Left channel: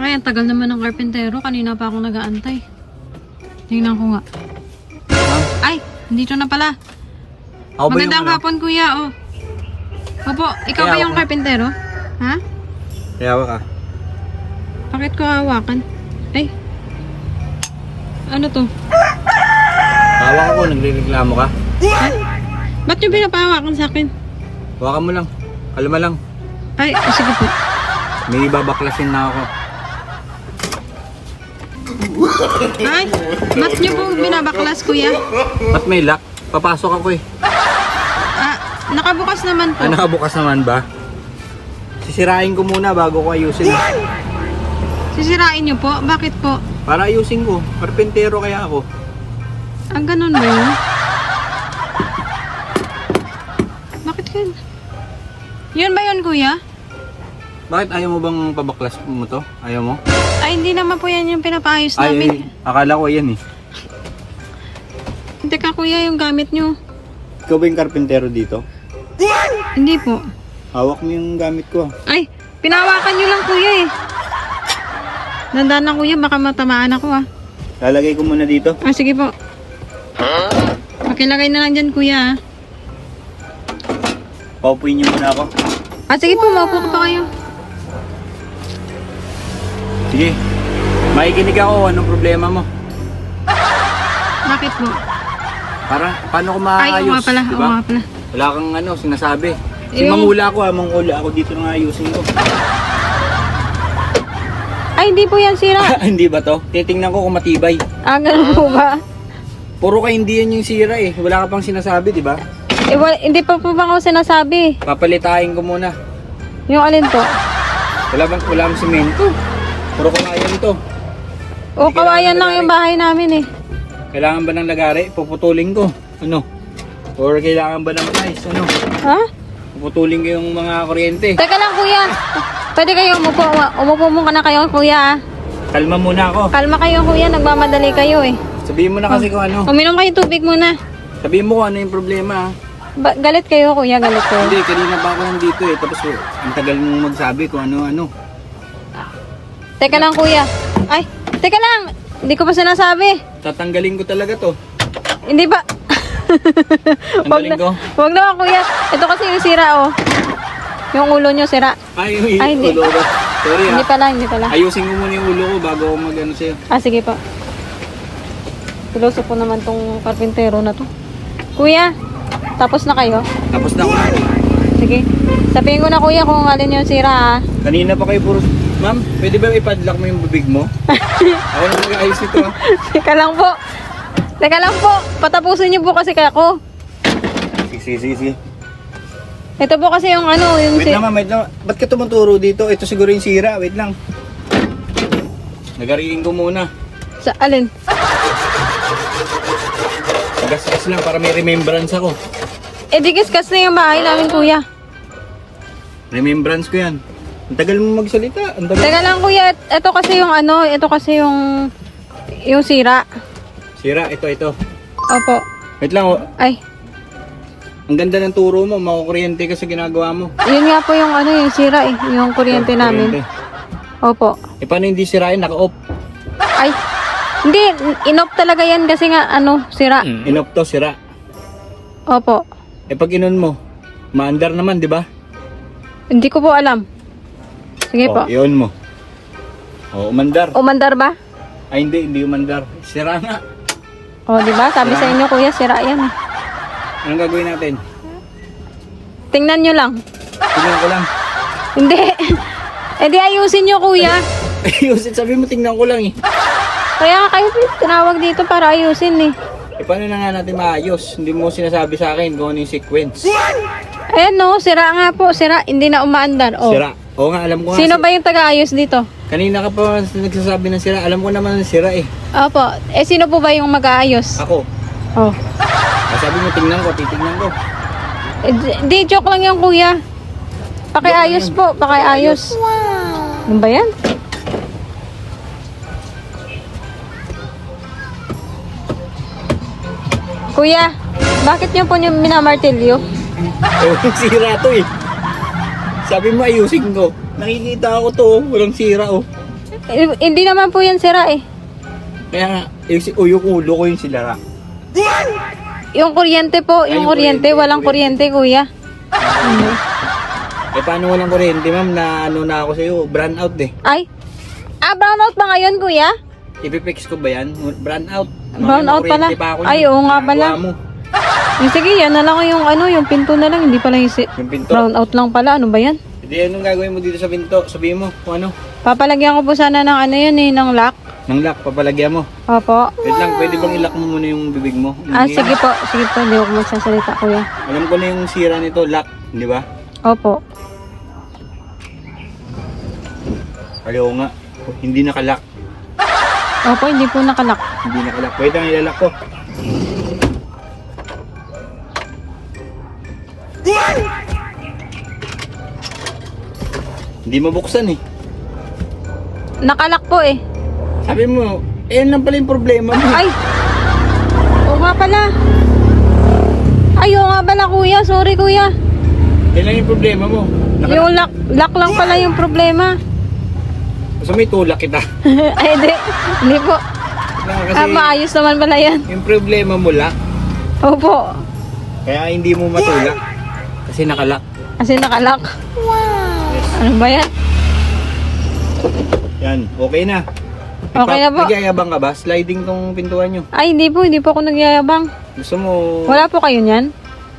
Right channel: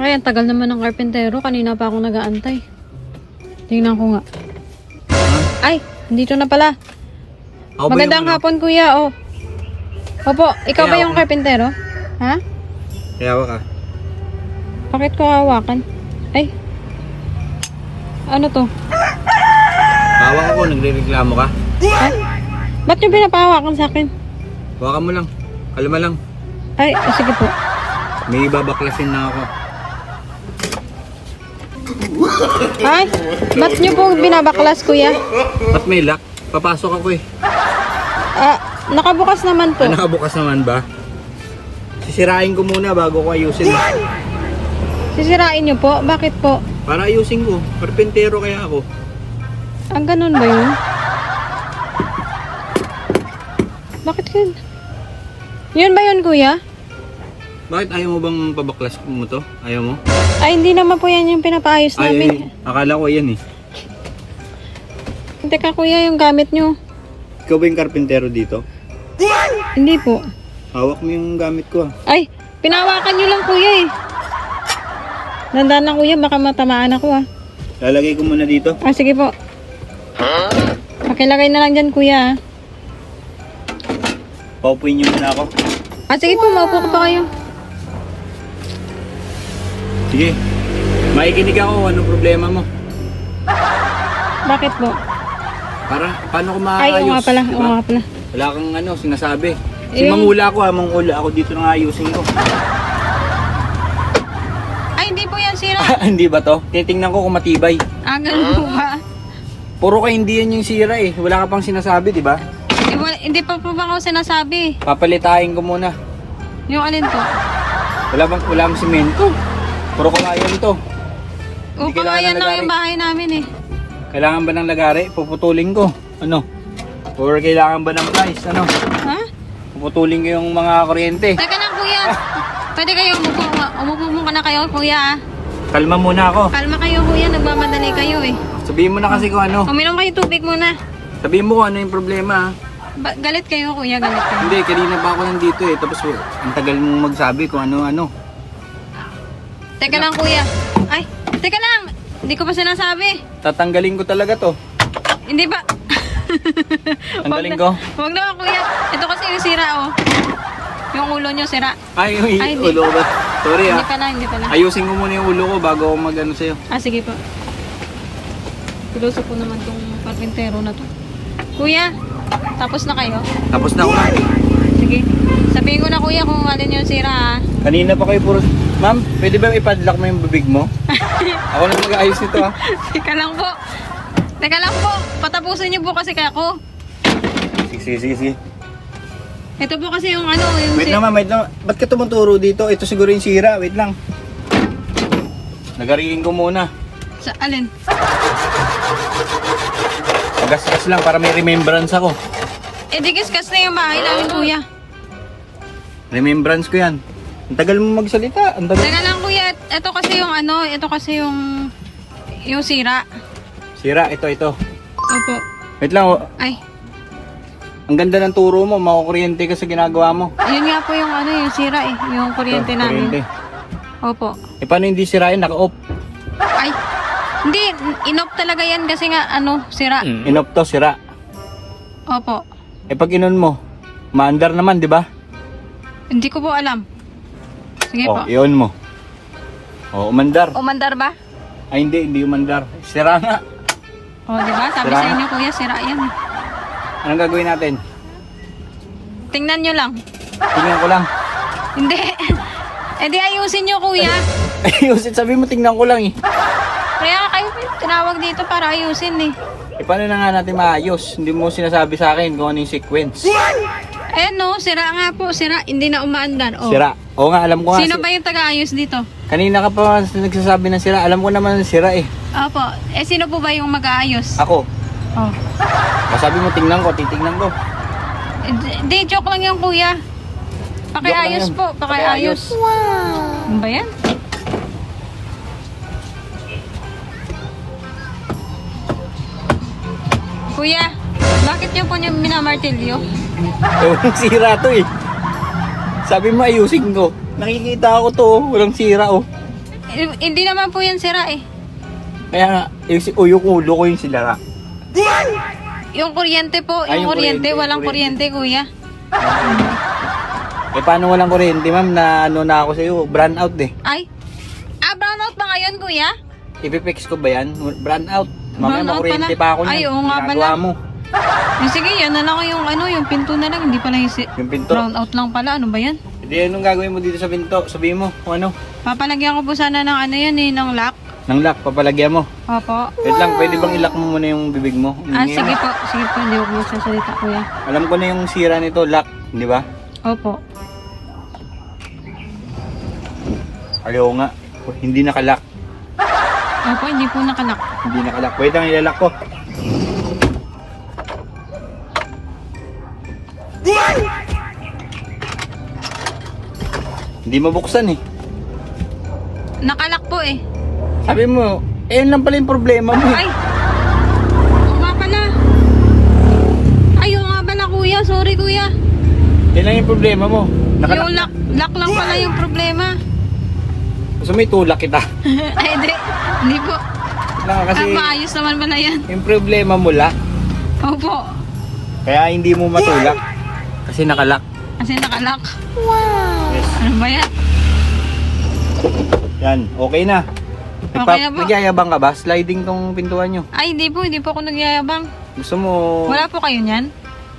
Ay, ang tagal naman ng karpentero. Kanina pa akong nag-aantay. Tingnan ko nga. Ay, dito na pala. Ako ba Magandang yung ano? hapon, kuya. Oh. Opo, ikaw Kaya ba yung ako. karpentero? Ha? Kaya ka. Bakit ko hawakan? Ay. Ano to? Hawak ako, nagre-reklamo ka. Ay. Ba't yung pinapahawakan sa akin? Hawakan mo lang. Kalma lang. Ay, oh, sige po. May babaklasin na ako. Ay, ba't nyo po binabaklas, kuya? Ba't may lock? Papasok ako eh. Ah, nakabukas naman po. Nakabukas naman ba? Sisirain ko muna bago ko ayusin. Sisirain nyo po? Bakit po? Para ayusin ko. Karpentero kaya ako. Ang ganun ba yun? Bakit yun? Yun ba yun, kuya? Bakit ayaw mo bang pabaklas mo to? Ayaw mo? Ay, hindi naman po yan yung pinapaayos Ay, namin. akala ko yan eh. Teka, kuya, yung gamit nyo. Ikaw ba yung karpentero dito? Hindi po. Hawak mo yung gamit ko ah. Ay, pinawakan nyo lang, kuya eh. Dandaan lang, kuya, baka matamaan ako ah. Lalagay ko muna dito. Ah, sige po. Pakilagay na lang dyan, kuya ah. Paupuin niyo muna ako. Ah, sige po, maupo ko pa kayo. Sige. Makikinig ako. Anong problema mo? Bakit po? Para, paano ko Ay, oo maayos? nga pala, oo Diba? nga pala. Wala kang ano, sinasabi. Si Yung- mangula ako mangula ako dito na ayusin ko. Ay, hindi po yan sira. Hindi ba to? Titingnan ko kung matibay. Ah, ganun po ba? Puro ka hindi yan yung sira eh. Wala ka pang sinasabi, di ba? Eh, hindi pa po ba ako sinasabi? Papalitain ko muna. Yung alin po? Wala bang semento? Puro kawayan to. O, Hindi kailangan kawayan ng lang yung lagari. bahay namin eh. Kailangan ba ng lagari? Puputulin ko. Ano? Or kailangan ba ng price? Ano? Ha? Puputulin ko yung mga kuryente. Teka lang, kuya. Pwede kayo umupo. Umupo muna na kayo, kuya. Ah. Kalma muna ako. Kalma kayo, kuya. Nagmamadali kayo eh. Sabihin mo na kasi kung ano. Uminom kayo tubig muna. Sabihin mo kung ano yung problema. Galit kayo, kuya. Galit kayo. Hindi, kanina pa ako nandito eh. Tapos ang tagal mong magsabi kung ano-ano. Teka lang, kuya. Ay, teka lang. Hindi ko pa sinasabi. Tatanggalin ko talaga to. Hindi ba? Tanggalin ko. Huwag na, kuya. Ito kasi yung sira, oh. Yung ulo nyo sira. Ay, Ay, hindi. ulo ko ba? Sorry Hindi ah. pala, hindi pala. Ayusin ko muna yung ulo ko bago ako mag-ano sa'yo. Ah, sige po. Tuloso po naman tong karpintero na to. Kuya, tapos na kayo? Tapos na ako. Sige. Sabihin ko na, kuya, kung alin yung sira, ah. Kanina pa kayo puro... Ma'am, pwede ba ipadlock mo yung bibig mo? Ako na mag-ayos nito ah. Teka lang po. Teka lang po. Patapusin niyo po kasi kaya ko. Sige. Ito po kasi yung ano, yung Wait lang ma'am, wait lang. Ba't ka tumuturo dito? Ito siguro yung sira. Wait lang. Nagariin ko muna. Sa alin? Gas-gas lang para may remembrance ako. Eh, digiskas na yung bahay namin, kuya. Remembrance ko yan. Ang tagal mo magsalita. Ang tagal. Teka lang, kuya. Ito kasi yung ano, ito kasi yung sira. Sira, ito. Opo. Wait lang. Ay, Ang ganda ng turo mo. Makukuryente ka sa ginagawa mo. yun nga po yung ano, yung sira eh. Yung kuryente namin. Kuryente. Opo. Eh paano hindi sirain? Naka-off. Ay, hindi. Inop talaga yan kasi nga, ano, sira. Inop to, sira. Opo. Eh pag inon mo, maandar naman, di ba? Hindi ko po alam. Sige po. I-on mo. Umandar. Umandar ba? Ay hindi umandar. Sira nga. O, di ba? Sabi Sira. sa inyo, kuya, sira yan. Anong gagawin natin? Tingnan nyo lang. Tingnan ko lang. Hindi. Eh di ayusin nyo, kuya. Ayusin, sabi mo tingnan ko lang eh. Kaya kayo tinawag dito para ayusin eh. Eh paano na nga natin maayos? Hindi mo sinasabi sa akin kung ano yung sequence. Ayan no, sira nga po, sira. Hindi na umaandar. Oh. Sira. Oo nga, alam ko nga. Sino ba yung taga-ayos dito? Kanina ka pa nagsasabi ng sira. Alam ko naman sira eh. Opo. Eh sino po ba yung mag-aayos? Ako. Oh. Sabi mo tingnan ko, titingnan ko. Eh, di, joke lang yung kuya. Pakiayos Joke lang po, pakiayos. Wow. Ano ba yan? Kuya, bakit niyo po niyo minamartilyo? Sira to eh. Sabi mo ayusin ko. Nakikita ako to, walang sira oh. Hindi naman po yan sira eh. Kaya nga, yung ulo ko yung silara. Yung kuryente po, Ay, yung yung kuryente, kuryente, walang kuryente. kuryente, kuya. Eh paano walang kuryente ma'am, na ano na ako sa'yo, brand out eh. Ay, brownout ba ngayon, kuya? Ipipix ko ba yan? Brand out. Brown out pala. Pa ako Ay, niyan. oo nga pala. Ginagawa mo. Sige, yan na lang yung yung pinto na lang, hindi pala Yung pinto. brownout lang pala, ano ba yan? Hindi, anong gagawin mo dito sa pinto? Sabihin mo kung ano. Papalagyan ko po sana ng yun eh, ng lock. Nang lock, papalagyan mo. Opo. Wait lang, pwede bang ilock mo muna yung bibig mo? Sige po, hindi ako magsasalita, kuya. Alam ko na yung sira nito, lock, di ba? Opo. Ayaw nga, hindi nakalock. Opo, hindi po nakalock. Hindi nakalock. Wait lang, ilalak ko. Hindi mabuksan eh. Nakalock po eh. Sabi mo, yan lang pala yung problema mo. Ay! Oo nga pala. Ay, oo nga pala, kuya. Sorry, kuya. Yan lang yung problema mo. Yung lock lang pala yung problema. Gusto mo itulak kita. Ay, hindi po. Lang kasi Maayos naman pala yan. yung problema mo lock. Opo. Kaya hindi mo matulak. Kasi nakalock. Kasi nakalock. Wow! Ano ba yan? Yan, okay na. Okay na po. Nagyayabang ka ba? Sliding tong pintuan nyo. Ay, hindi po ako nagyayabang. Gusto mo... Wala po kayo niyan?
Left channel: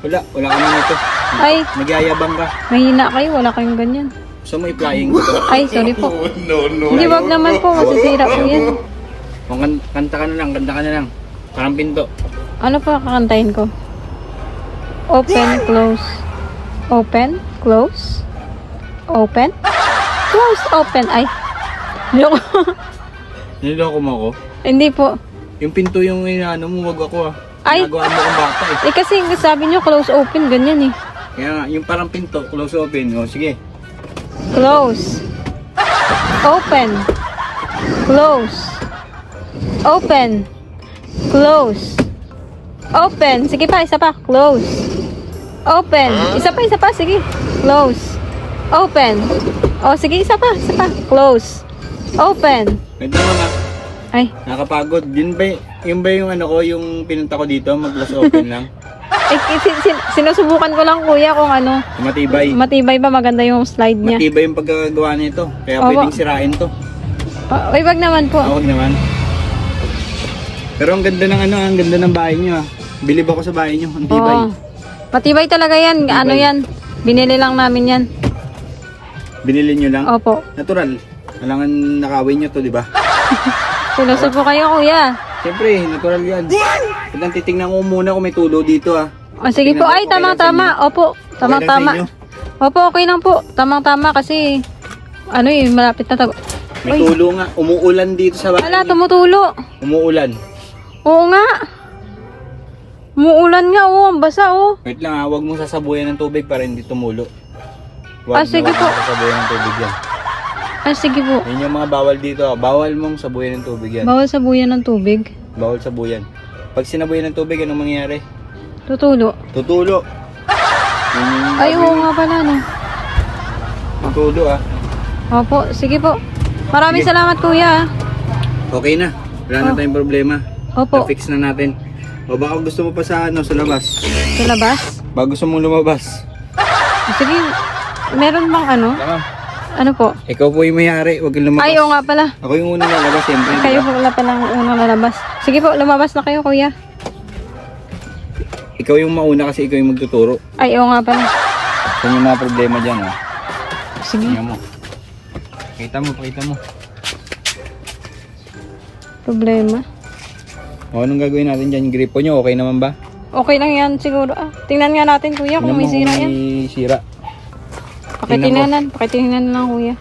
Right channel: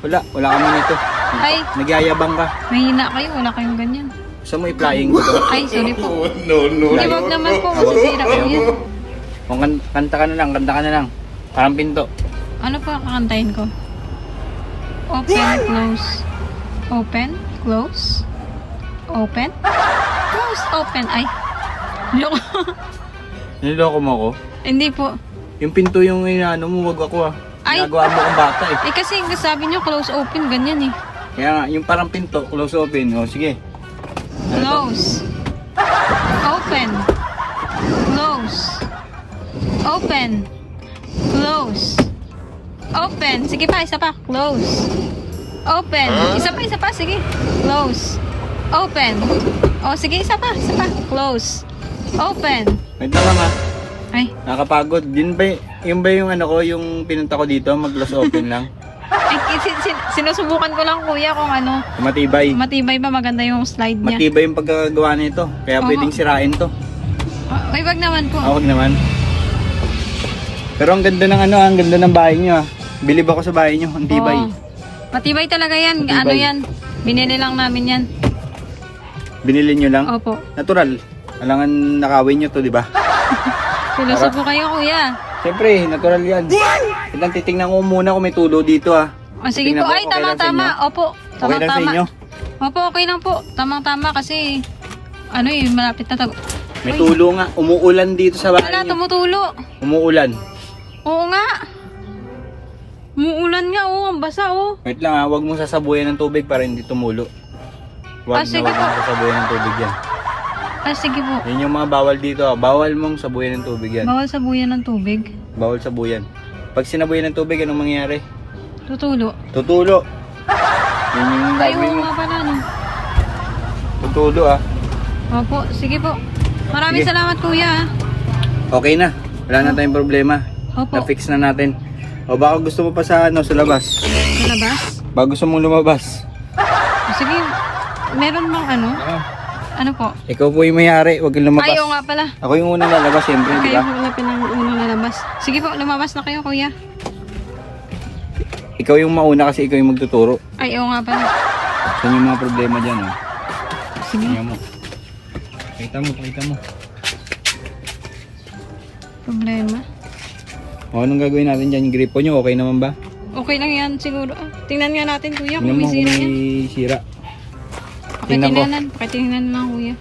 Wala kami nito. Ay, Nagyayabang ka. mahina kayo. Wala kayong ganyan. Gusto mo i-flying ko to? Ay, sorry po. No. Hindi, wag naman po. Masisira po yan. Kung kanta ka na lang. Parang pinto. Ano po kakantahin ko? Open, close. Open, close. Open. Close, open. Ay. Joke. Niloko mo ako? Hindi po. Yung pinto yung inaano mo, wag ako ah. Ay. Ginagawa mo kang bata eh. Eh kasi sabi nyo close, open. Ganyan eh. Kaya nga, yung parang pinto, close open. O sige. Close. Open. Close. Open. Close. Open. Sige pa, isa pa. Close. Open. Isa pa. Sige. Close. Open. O, sige, isa pa. Close. Open. Wait lang mama. Ay. Nakakapagod. Yun ba yung ano ko, yung pinunta ko dito, mag-close open lang? Ay, sinusubukan ko lang, kuya, kung ano. Matibay. Matibay ba? Maganda yung slide niya. Matibay yung pagkagawa nito. Kaya Oo. pwedeng sirain to. Ay, wag naman po. Awag naman. Pero ang ganda ng ang ganda ng bahay niyo ah. Bilib ako sa bahay niyo, ang tibay. Oo. Matibay talaga yan. Matibay. Ano yan? Binili lang namin yan. Binili niyo lang? Opo. Natural. Alangan nakawin niyo to, di ba? Sinusubo kayo, kuya. Siyempre, natural yan. Kitang titingnan ko muna kung may tulo dito ah. O sige Tingnan po, ko, ay okay lang sa tama-tama. inyo? Opo, Okay lang sa tama-tama. inyo? Opo, okay lang po. Tamang-tama kasi ano malapit na May Uy. tulo nga. Umuulan dito sa bahay Wala, niyo. tumutulo. Umuulan. Oo nga. Umuulan nga, ang basa, Wait lang ah, huwag mong sasabuyan ng tubig para hindi tumulo. Huwag sige na huwag po. mong sasabuyan ng tubig yan. Sige po. Yan yung mga bawal dito ah. Bawal mong sabuyan ng tubig yan. Bawal sabuyan ng tubig. Bawal sabuyan. Pag sinabuyan ng tubig, anong mangyayari? Tutulo. Tutulo. Yan yung Ay, gagawin oo mo. nga pala, no. Tutulo ah. Opo, sige po. Maraming Sige. salamat, kuya. Okay na. Wala na Oh. tayong problema. Opo. Na-fix na natin. O baka gusto mo pa sa sa labas. Sa labas. Baka gusto mong lumabas. Sige, meron bang ano? Ano po? Ikaw po yung mayari. Huwag kang lumabas. Ay, oo nga pala. Ako yung unang lalabas, siyempre. Di Kayo ba? po wala palang unang lalabas. Sige po, lumabas na kayo, kuya. Ikaw yung mauna kasi ikaw yung magtuturo. Ay, oo nga pala. Kung yung mga problema dyan. Oh. Sige. Tingnan mo. Pakita mo. Problema. O, anong gagawin natin dyan? Yung gripo nyo, okay naman ba? Okay lang yan siguro. Tingnan nga natin, kuya, Tingnan kung mo may sira kung yan. may sira. Tingnan ko. Pakitingnan lang, kuya.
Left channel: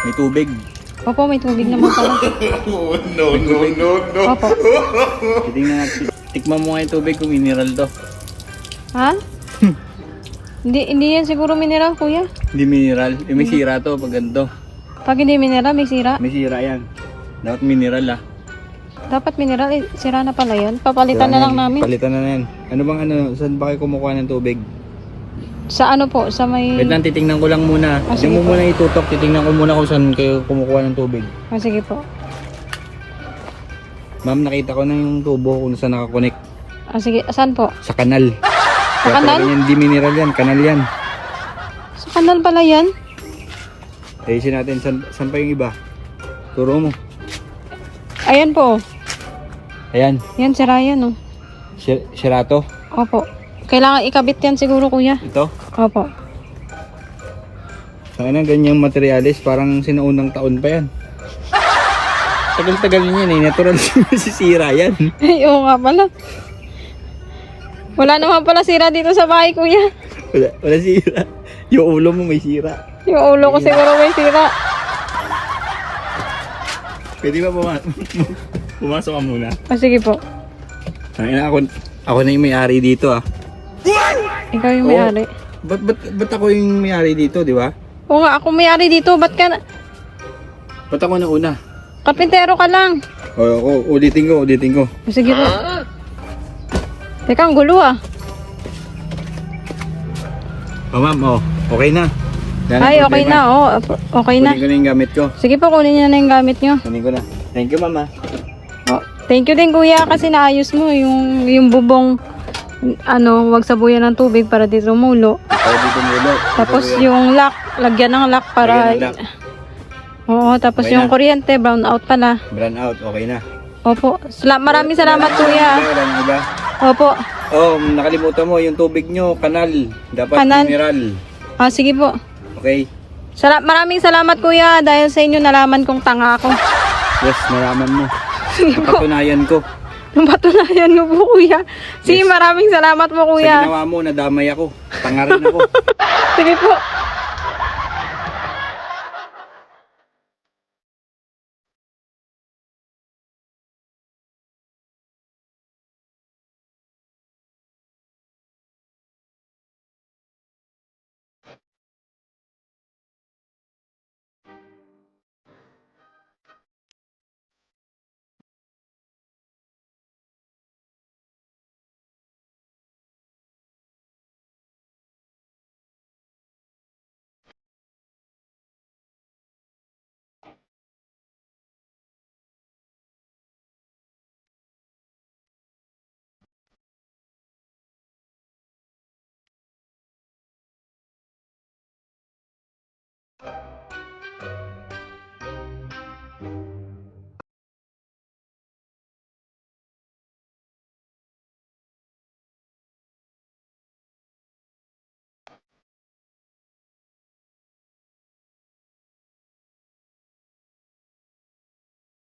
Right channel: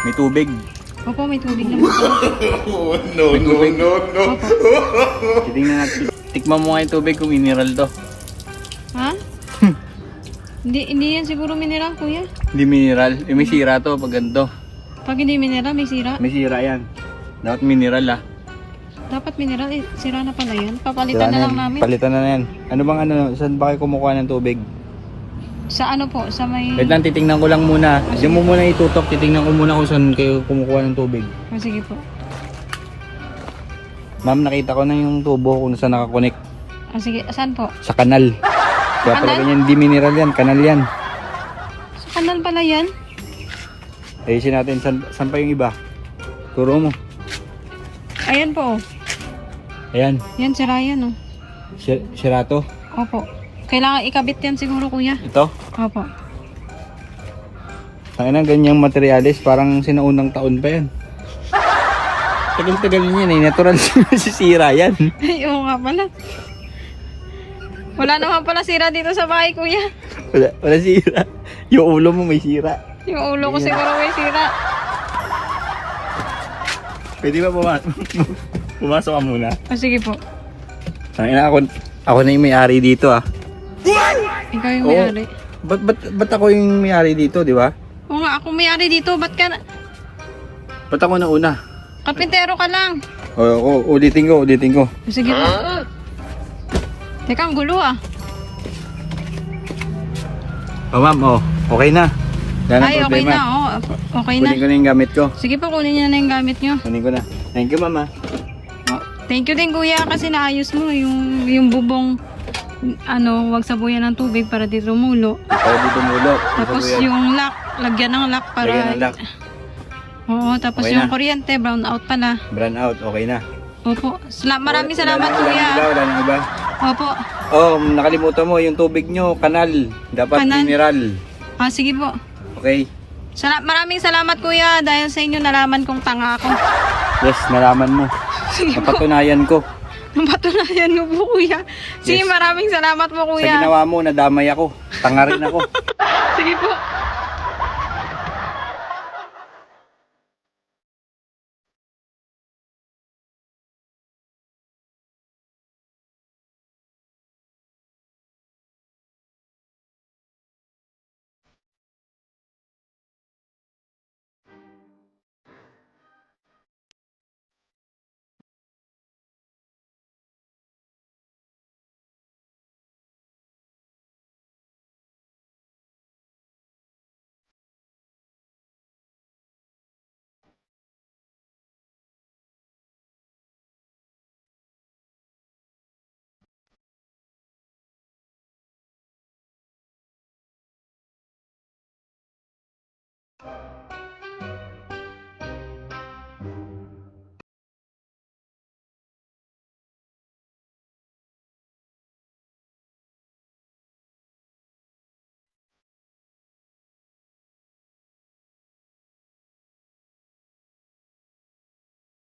May tubig. Opo, may tubig naman pala. No. Opo. Titingnan natin. Tikman mo nga yung tubig kung mineral to. Ha? Hindi yan siguro mineral, kuya. Hindi mineral. May sira to pag ganito. Pag hindi mineral, may sira. May sira yan. Dapat mineral ah. Dapat mineral, sira na pala yun. Papalitan Sira na lang yan. namin. Palitan na yan. Ano bang ano? Saan ba kayo kumukuha ng tubig? Sa ano po? Sa may... Wait lang, titingnan ko lang muna. Ah, Diyan mo muna itutok, titingnan ko muna kung saan kayo kumukuha ng tubig. Ah, sige po. Ma'am, nakita ko na yung tubo kung saan nakakonect. Ah, sige. Saan po? Sa kanal. Kaya pala kanal? ganyan, di mineral yan, kanal yan. Sa kanal pala yan? Ayusin natin, saan pa yung iba? Turo mo. Ayan po. Ayan, Yan, si Ryan, oh. sirato. Opo. Kailangan ikabit yan siguro, kuya. Ito. Opo. Ang ina, ganyang materialis, parang sinaunang taon pa yan. Tagal-tagal niyan eh, natural sisira yan. Ay, oo nga pala. Wala naman pala sira dito sa bahay, kuya. Wala sira. Yung ulo mo may sira. Yung ulo ko siguro may sira. Pwede ba pumasok ka muna? Ah, sige po. Ang ina, ako na yung may-ari dito ah. Ikaw yung Oo. may-ari. Ba't ako yung may-ari dito, di ba? Oo nga, ako may-ari dito. Ba't ka na... Ba't ako na una? Kapintero ka lang. Oo, ulitin ko. Sige po. Teka, ang gulo ah. Oh ma'am, okay na. Wala Ay, okay problema. na. Oh, okay na. Kunin ko na yung gamit ko. Sige po, kunin niyo na yung gamit niyo. Kunin ko na. Thank you mama. Oh, thank you din, kuya, kasi naayos mo yung bubong, ano, wag sabuyan ng tubig para di tumulo. Para dito mulo. Tapos yung lock, lagyan ng lock para... Lagyan ng lock. Oo, tapos Okay yung na. kuryente, brown out pala. Brand out, okay na. Opo. Maraming salamat, Wala kuya. na iba, wala na iba. Opo. Oh, nakalimutan mo yung tubig nyo, kanal. Dapat Kanal. mineral. Ah, sige po. Okay? Maraming salamat, kuya, dahil sa inyo nalaman kong tanga ako. Yes, nalaman mo. Sige po. Napatunayan ko. Napatunayan mo po, kuya. Sige, Yes. maraming salamat po, Sa kuya. ginawa mo, nadamay ako. Tanga rin ako. Sige po.